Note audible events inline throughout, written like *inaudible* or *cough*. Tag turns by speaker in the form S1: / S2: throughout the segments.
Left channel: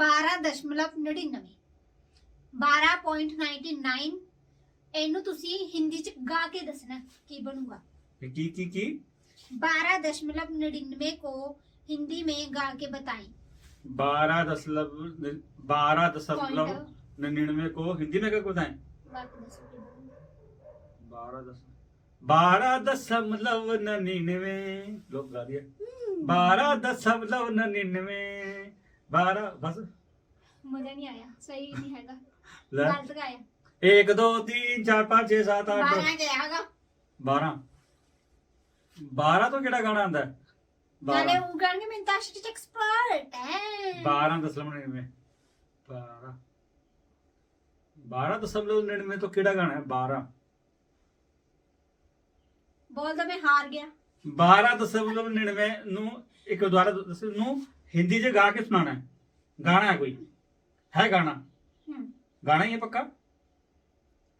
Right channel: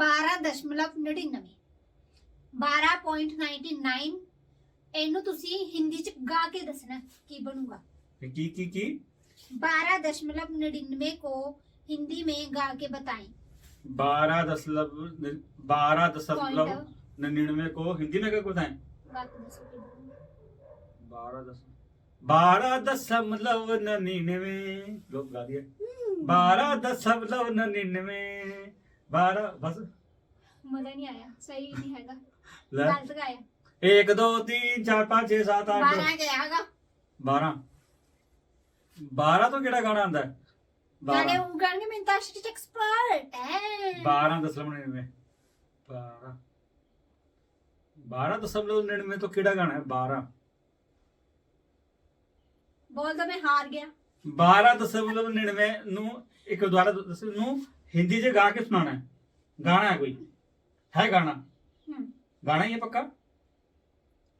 S1: 12.99 12.99 ਇਹਨੂੰ ਤੁਸੀਂ ਹਿੰਦੀ ਚ ਗਾ ਕੇ ਦੱਸਣਾ ਕੀ ਬਣੂਗਾ
S2: ਕੀ ਕੀ ਕੀ
S1: 12.99 को हिंदी में गा के बताएं
S2: 12 दशमलव 12 दशमलव
S1: Point.
S2: 99 को हिंदी में क्या बताएं
S1: गा के दसो।
S2: 12 दस 12 दशमलव 99 लोग गा दिए 12 दशमलव 99
S1: ਬਾਹਰ ਬਸ।
S2: ਮਜ਼ਾ ਨਹੀਂ ਤੋਂ ਕਿਹੜਾ ਗਾਣਾ ਆਂਦਾ
S1: ਨਾਲੇ
S2: ਉਹ
S1: ਗਾਣੇ ਮੈਂ ਤਾਂ ਸ਼ਿਟ ਐਕਸਪਰਟ ਹੈ
S2: 12 ਦਸ਼ਮਲਵ 99 12 12 ਦਸ਼ਮਲਵ 99 ਤੋਂ ਕਿਹੜਾ ਗਾਣਾ ਹੈ? 12
S1: ਬੋਲਦਾ ਮੈਂ ਹਾਰ ਗਿਆ।
S2: 12 ਦਸ਼ਮਲਵ 99 ਨੂੰ ਇੱਕ ਦੁਆਰਾ ਦੱਸੋ ਨੂੰ ਹਿੰਦੀ 'ਚ ਗਾ ਕੇ ਸੁਣਾਣਾ ਗਾਣਾ ਹੈ ਕੋਈ? ਹੈ ਗਾਣਾ? ਗਾਣਾ ਹੀ ਪੱਕਾ?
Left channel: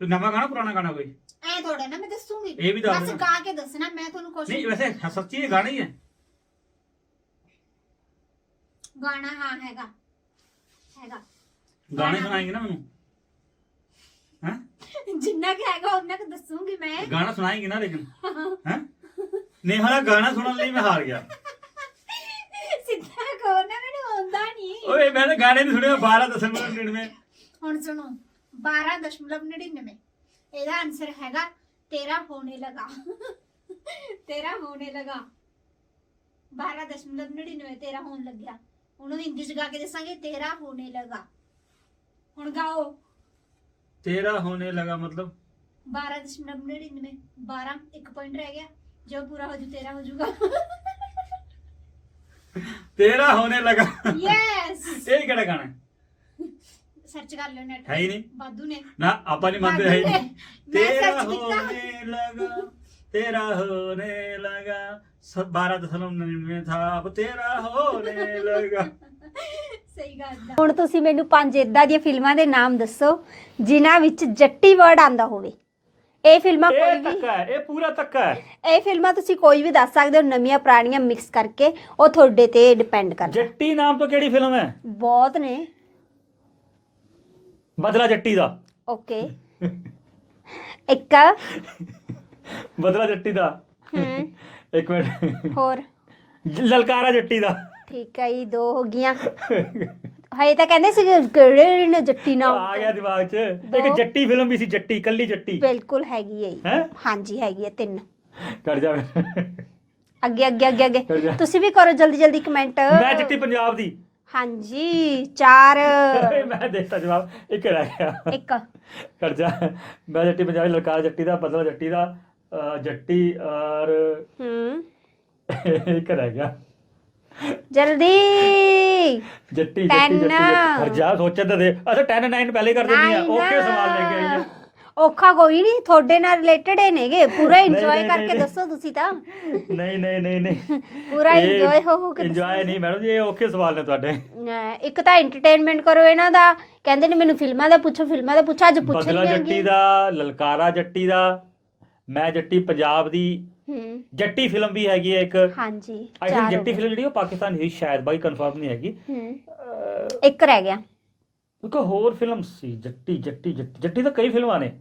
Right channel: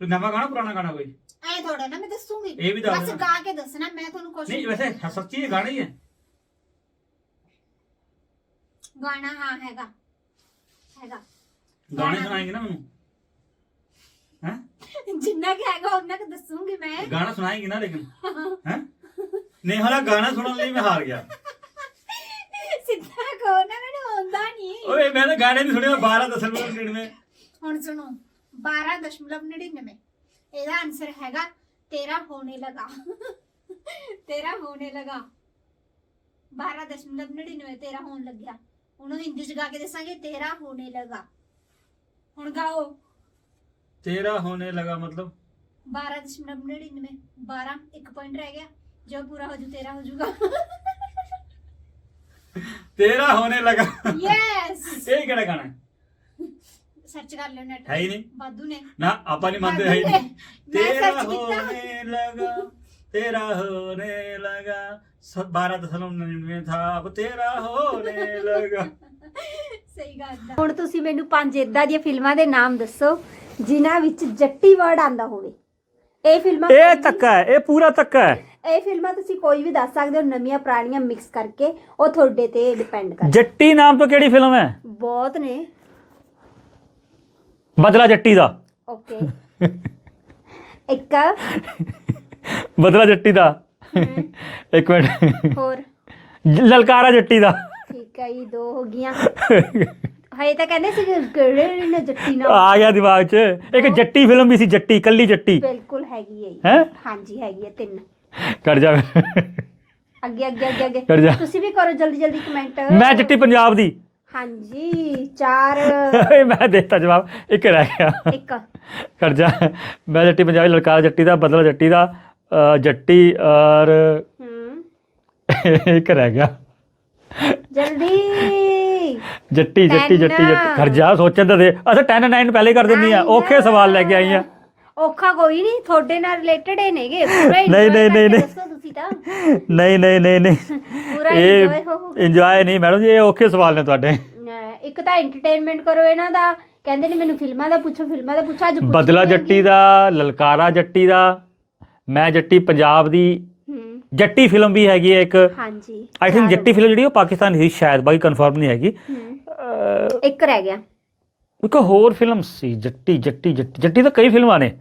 S2: ਤੇ ਨਵਾਂ ਗਾਣਾ ਪੁਰਾਣਾ ਗਾਣਾ ਕੋਈ?
S1: ਐ ਥੋੜਾ ਨਾ ਮੈਂ ਦੱਸੂਗੀ।
S2: ਇਹ ਵੀ ਦੱਸ
S1: ਗਾ ਕੇ ਦੱਸਣਾ ਮੈਂ ਤੁਹਾਨੂੰ ਕੁਝ
S2: ਨਹੀਂ ਵੈਸੇ ਸੱਚੀ ਗਾਣਾ ਹੀ ਹੈ।
S1: ਗਾਣਾ ਹਾਂ ਹੈਗਾ। ਹੈਗਾ।
S2: ਗਾਣੇ ਸੁਣਾਏਂਗੇ ਨਾ ਮੈਨੂੰ? ਹੈ?
S1: ਜਿੰਨਾ ਕਿ ਹੈਗਾ ਉਹਨਾਂ ਕੁ ਦੱਸੂਗੀ ਮੈਂ।
S2: ਗਾਣਾ ਸੁਣਾਏਂਗੇ ਨਾ ਲੇਕਿਨ। *laughs* ਹੈ? ਨਹੀਂ ਹਾਲਾ ਗਾਣਾ ਸੁਣਨ ਲਈ ਮੈਂ ਹਾਰ ਗਿਆ।
S1: ਮੈਨੂੰ ਆਉਂਦਾ ਨਹੀਂ
S2: ਓਏ ਮੈਂ ਤਾਂ ਗਾਣੇ ਨਹੀਂ ਸੁਣਿਆ 12 ਦਸ਼ਮਲਵ 99
S1: ਹੁਣ ਸੁਣੋ 12.99 ਇਹਦਾ ਆਨਸਰ ਹੈਗਾ ਤੇਰਾ ਹੋਣੇ ਲਗਾ। ਤੇਰਾ ਹੋਣੇ ਲਗਾ। 12.99 ਤੇਰਾ ਹੋਣ ਲੱਗਿਆ। ਉਹਨੂੰ ਹਿੰਦੀ ਚ ਗਾ ਕੇ ਦੱਸਾਂਗੇ ਤੇਰਾ ਹੋਣੇ ਲਗਾ। ਹੁਣ ਗਾਓ।
S2: ਤੇਰਾ ਹੋਣੇ ਲਗਾ ਮਤਲਬ?
S1: 12.99 12 ਇੱਕ ਪੁਆਇੰਟ ਰਹਿ ਗਿਆ। ਜੋ ਪੂਰਾ ਹੋ ਜੂ ਤੇਰਾ ਹੋ ਜੂਗਾ।
S2: ਤੇਰਾ ਹੋਣੇ ਲਗਾ
S1: ਯੈਸ
S2: ਇਹ ਕਿਹੜਾ ਗਾਣਾ ਹੈ
S1: ਸਰਚ ਕਰ ਲਿਓ ਨੈਟ
S2: ਹੈ ਹੀ ਨਹੀਂ
S1: ਬਾਦੂ ਨੇ
S2: ਨਾ ਆਪਾਂ ਨਹੀਂ ਮੰਨਦੇ ਹੈ ਹੀ ਨਹੀਂ
S1: ਮੈਂ
S2: ਤੇਰਾ
S1: search ਕੀਤਾ।
S2: ਹੋਣੇ ਲਗਾ ਤੇਰਾ ਹੋਣੇ ਲਗਾ सब बारह दशमलव नन्यानवे था अब तेरा होने लगा
S1: ਸਹੀ ਗੱਲ ਹੁਣ ਤੁਸੀਂ ਮੈਨੂੰ ਪੰਜ ਇਦਾਂ ਦੀਆਂ ਫਿਲਮਾਂ ਦੇ ਨਾਮ ਦੱਸੋ ਜਿਨ੍ਹਾਂ ਵਿੱਚ ਜੱਟੀ ਵਰਡ ਆਂਦਾ ਹੋਵੇ ਇਹ ਫਿਲਮਾਂ ਕੋਈ
S2: ਇਹ ਤੱਕਾ ਹੈ ਇਹ ਪੂਰਾ ਤੱਕਾ ਹੈ।
S1: ਇਹ ਫਿਲਮਾਂ ਤੁਸੀਂ ਕੋਈ ਵੀ ਦੱਸ ਸਕਦੇ ਹੋ ਨਵੀਆਂ ਪੁਰਾਣੀਆਂ ਮਿਕਸ ਕਰਕੇ ਉਹ ਤੁਹਾਡੇ ਤੇ ਡਿਪੈਂਡ ਕਰਦਾ।
S2: ਜੱਟੀ ਨਾਮ ਤੋਂ ਕਿਹੜੀ ਫਿਲਮ ਹੈ?
S1: ਬਹੁਤ ਨੇ।
S2: ਬਦਲਾ ਜੱਟੀ ਦਾ।
S1: ਓਕੇ ਇੱਕ।
S2: ਬਦਲਾ ਜੱਟੀ ਦਾ।
S1: ਹਮ,
S2: ਇੱਕ ਮਿੰਟ।
S1: ਹੋਰ।
S2: ਲਲਕਾਰਾ ਜੱਟੀ ਦਾ।
S1: ਠੀਕ ਹੈ ਇਹ ਦੋ ਹੋ ਗਈਆਂ। *laughs* ਹਏ ਤਾਂ ਕਹਿੰਦੇ ਸੀ ਕਿਹੜੇ ਨੇ ਜੱਟੀ ਨਾਲ
S2: ਆ ਗਿਆ ਦਿਮਾਗ 'ਚ। ਇੱਕ ਜੱਟੀ ਫਿਲਮ ਵੀ ਸੀ ਜੱਟੀ ਕੱਲੀ ਜੱਟੀ।
S1: ਬਿਲਕੁਲ ਹੈਗੀ ਹੈ।
S2: ਹੈ?
S1: ਹਾਂਜੀ ਹੈਗੀ ਹੈ ਤਿੰਨ।
S2: ਕਰ ਜਾ।
S1: ਅੱਗੇ ਅੱਗੇ ਅੱਗੇ
S2: ਕਰ ਜਾ।
S1: ਅੱਗੇ ਤੁਸੀਂ ਵੀ ਕਰੋ ਜਲਦੀ ਜਲਦੀ ਕਮੈਂਟ।
S2: ਮੈਂ ਜੱਟੀ ਪੰਜਾਬ ਦੀ।
S1: ਹਾਂਜੀ ਚਾਰ। *laughs*
S2: ਮੈਂ ਦੇਤਾ ਜਵਾਬ। ਇੱਕ ਰਹਿ ਗਿਆ।
S1: ਇੱਕ।
S2: ਕਰ ਜਾ। ਮੈਂ ਜੱਟੀ ਪੰਜਾਬੀ ਲਲਕਾਰਾ ਜੱਟੀ ਦਾ ਬਦਲਾ ਜੱਟੀ ਦਾ ਅ, ਜੱਟੀ ਔਰ
S1: ਹੂੰ। *laughs*
S2: ਇੱਕ ਰਹਿ ਗਿਆ।
S1: ਜਲਦੀ।
S2: ਜੱਟੀ ਜੱਟੀ ਜੱਟੀ. ਜੱਟੀ। ਜਾ ਸੋਚਣ ਤਾਂ ਦੇ। ਅੱਛਾ 10 9 ਪਹਿਲੇ ਕਰ ਦਿੰਦੀ ਆ. ਔਖੇ ਸਵਾਲ ਲੈ ਕੇ ਆਈ ਆ।
S1: ਔਖਾ ਕੋਈ ਨਹੀਂ ਤੁਹਾਡੇ ਨਾਲ ਰਿਲੇਟਡ ਹੀ ਨੇਗੇ। ਪੂਰਾ
S2: ਨਹੀਂ,
S1: ਇੰਜੋਏ
S2: ਨਹੀਂ,
S1: ਕਰਕੇ
S2: ਨਹੀਂ।
S1: ਦੱਸੋ ਤੁਸੀਂ ਤਾਂ।
S2: ਨਹੀਂ ਨਹੀਂ ਨਹੀਂ ਨਹੀਂ।
S1: ਪੂਰਾ ਇੰਜੋਏ ਹੋ ਹੋ ਕੇ
S2: ਇੰਜੋਏ ਨਹੀਂ ਮੈਡਮ ਜੀ ਇਹ ਔਖੇ ਸਵਾਲ ਨੇ ਤੁਹਾਡੇ।
S1: ਇੱਕ ਤਾਂ ਐਂਟਰਟੇਨਮੈਂਟ ਕਰੋ ਇਹਨਾਂ ਦਾ। ਕਹਿੰਦੇ ਨੇ ਮੈਨੂੰ ਫਿਲਮਾਂ ਦਾ ਪੁੱਛੋ ਫਿਲਮਾਂ ਦਾ ਪੁੱਛੋ ਅੱਜ ਪੁੱਛ
S2: ਬਦਲਾ। ਜੱਟੀ ਦਾ ਲਲਕਾਰਾ ਜੱਟੀ ਦਾ ਮੈਂ ਜੱਟੀ ਪੰਜਾਬ ਦੀ ਜੱਟੀ ਫਿਲਮ ਵੀ ਹੈਗੀ ਹੈ ਇੱਕ।
S1: ਹਾਂਜੀ
S2: ਆਈ ਥਿੰਕ। ਜੱਟੀ ਫਿਲਮ ਜਿਹੜੀ ਉਹ ਪਾਕਿਸਤਾਨ ਦੀ ਸ਼ਾਇਦ ਬਾਕੀ ਕਨਫਰਮ ਨਹੀਂ ਹੈਗੀ।
S1: ਇੱਕ ਰਹਿ ਗਿਆ।
S2: ਇੱਕ ਹੋਰ ਫਿਲਮ ਸੀ ਜੱਟੀ ਜੱਟੀ ਜੱਟੀ। ਜੱਟੀ ਤਾਂ ਕਈ ਫਿਲਮਾਂ ਨੇ।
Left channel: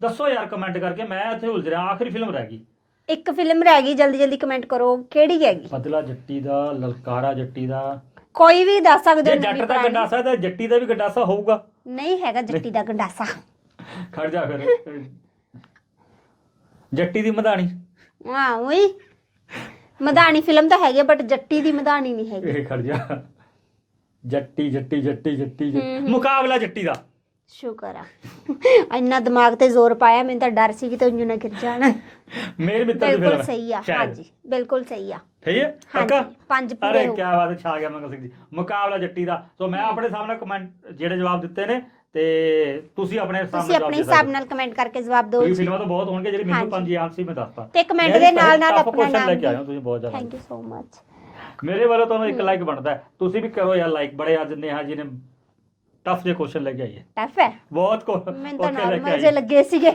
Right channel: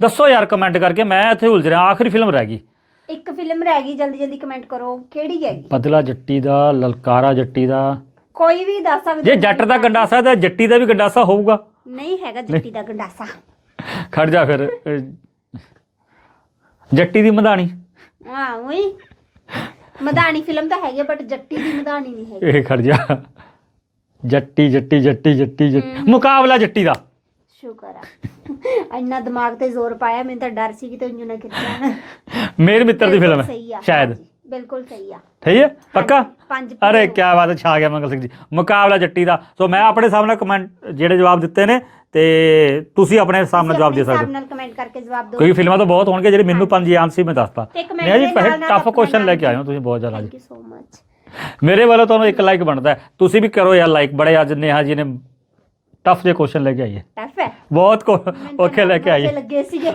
S2: ਦੱਸੋ ਯਾਰ ਕਮੈਂਟ ਕਰਕੇ ਮੈਂ ਇੱਥੇ ਉਲਝ ਰਿਹਾ ਆਖਰੀ ਫਿਲਮ ਰਹਿ ਗਈ।
S1: ਇੱਕ ਫਿਲਮ ਰਹਿ ਗਈ ਜਲਦੀ ਜਲਦੀ ਕਮੈਂਟ ਕਰੋ ਕਿਹੜੀ ਹੈਗੀ?
S2: ਬਦਲਾ ਜੱਟੀ ਦਾ ਲਲਕਾਰਾ ਜੱਟੀ ਦਾ।
S1: ਕੋਈ ਵੀ ਦੱਸ ਸਕਦੇ
S2: ਜੇ ਜੱਟ ਦਾ ਗੰਡਾਸਾ ਤਾਂ ਜੱਟੀ ਦਾ ਵੀ ਗੰਡਾਸਾ ਹੋਊਗਾ।
S1: ਨਹੀਂ ਹੈਗਾ ਜੱਟੀ ਦਾ ਗੰਡਾਸਾ।
S2: ਖੜ ਜਾ ਫਿਰ ਜੱਟੀ ਦੀ ਮਧਾਣੀ।
S1: ਹਾਂ ਉਹੀ ਮਧਾਣੀ ਫਿਲਮ ਤਾਂ ਹੈਗੀ ਬਟ ਜੱਟੀ ਦੀ ਮਧਾਣੀ ਨਹੀਂ ਹੈਗੀ।
S2: ਇਹ ਖੜ ਜਾ। ਜੱਟੀ ਜੱਟੀ ਜੱਟੀ ਜੱਟੀ ਜੱਟੀ। ਮੁਕਾਬਲਾ ਜੱਟੀ ਦਾ।
S1: ਸ਼ੁਕਰ ਆ। ਇੰਨਾ ਦਿਮਾਗ ਤੇ ਜ਼ੋਰ ਪਾਇਆ ਮੈਨੂੰ ਤਾਂ ਡਰ ਸੀ ਕਿ ਤੈਨੂੰ ਨਾ ਖਿੱਚ ਜਾਣ।
S2: ਮੇਰੇ ਮਿੱਤਰ ਦੀ ਫਿਲਮ
S1: ਸਹੀ ਆ।
S2: ਹੈ ਸ਼ਾਇਦ।
S1: ਹਾਂਜੀ, ਬਿਲਕੁਲ ਸਹੀ ਆ।
S2: ਠੀਕ ਹੈ? ਪੱਕਾ?
S1: ਹਾਂਜੀ, ਪੰਜ ਪੂਰੇ
S2: ਅਰੇ
S1: ਹੋ
S2: ਕੀ ਬਾਤ ਹੈ ਛਾ ਗਿਆ ਮੰਗਲ ਸਿੰਘ ਜੀ। ਮੁਕਾਬਲਾ ਜੱਟੀ ਦਾ। ਸੋ ਮੈਂ ਆਪਣੇ ਸਾਹਮਣੇ ਕਮੈਂਟ ਜਿਹੜੇ ਜਵਾਬ ਦਿੱਤੇ ਨੇ ਤੇ ਤੁਸੀਂ ਆਪਣੇ ਸਾਹਮਣੇ
S1: ਤੁਸੀਂ
S2: ਜਵਾਬ
S1: ਆਪਣੇ
S2: ਦੇ
S1: ਹਿਸਾਬ
S2: ਸਕਦੇ
S1: ਨਾਲ ਕਮੈਂਟ ਕਰਕੇ ਜਵਾਬ ਦਿਓ।
S2: ਕੋਈ ਫਿਲਮਾਂ ਤਾਂ ਬਹੁਤ ਹੋਣਗੇ ਜਿਹੜੇ ਮੈਨੂੰ। ਪੰਜ ਯਾਦ ਸੀ ਮੈਂ ਦੱਸਤਾ।
S1: ਤੇ comment ਦੇ ਨਾਲ ਨਾਲ
S2: ਟਫ
S1: ਆਪਣਾ
S2: ਕੁਐਸਚਨ ਲੈ ਕੇ ਆਏ ਹੋ ਤੁਸੀਂ ਬਹੁਤ ਜ਼ਿਆਦਾ
S1: ਥੈਂਕ ਯੂ ਸੋ ਮਚ
S2: ਮੇਰੇ ਵੱਲੋਂ ਤੁਹਾਨੂੰ ਇੱਕ ਲਾਈਕ ਬਣਦਾ ਹੈ। ਤੁਸੀਂ ਵੀ ਕਰੋ ਯਾਰ ਲਾਈਕ ਬੜੇ ਅੱਜ ਨੇਹਾ ਜੀ ਨੇ ਟਫ ਜਿਹੇ ਕੁਐਸਚਨ ਲੈ ਕੇ ਆਈ ਹੈ।
S1: ਟਫ ਹੈ।
S2: ਬਹੁਤ
S1: ਮੈਨੂੰ ਤਾਂ
S2: ਔਖੇ ਲੈ ਕੇ
S1: normal ਜਿਹੇ
S2: ਹੈ।
S1: ਲੱਗੇ ਸੀਗੇ।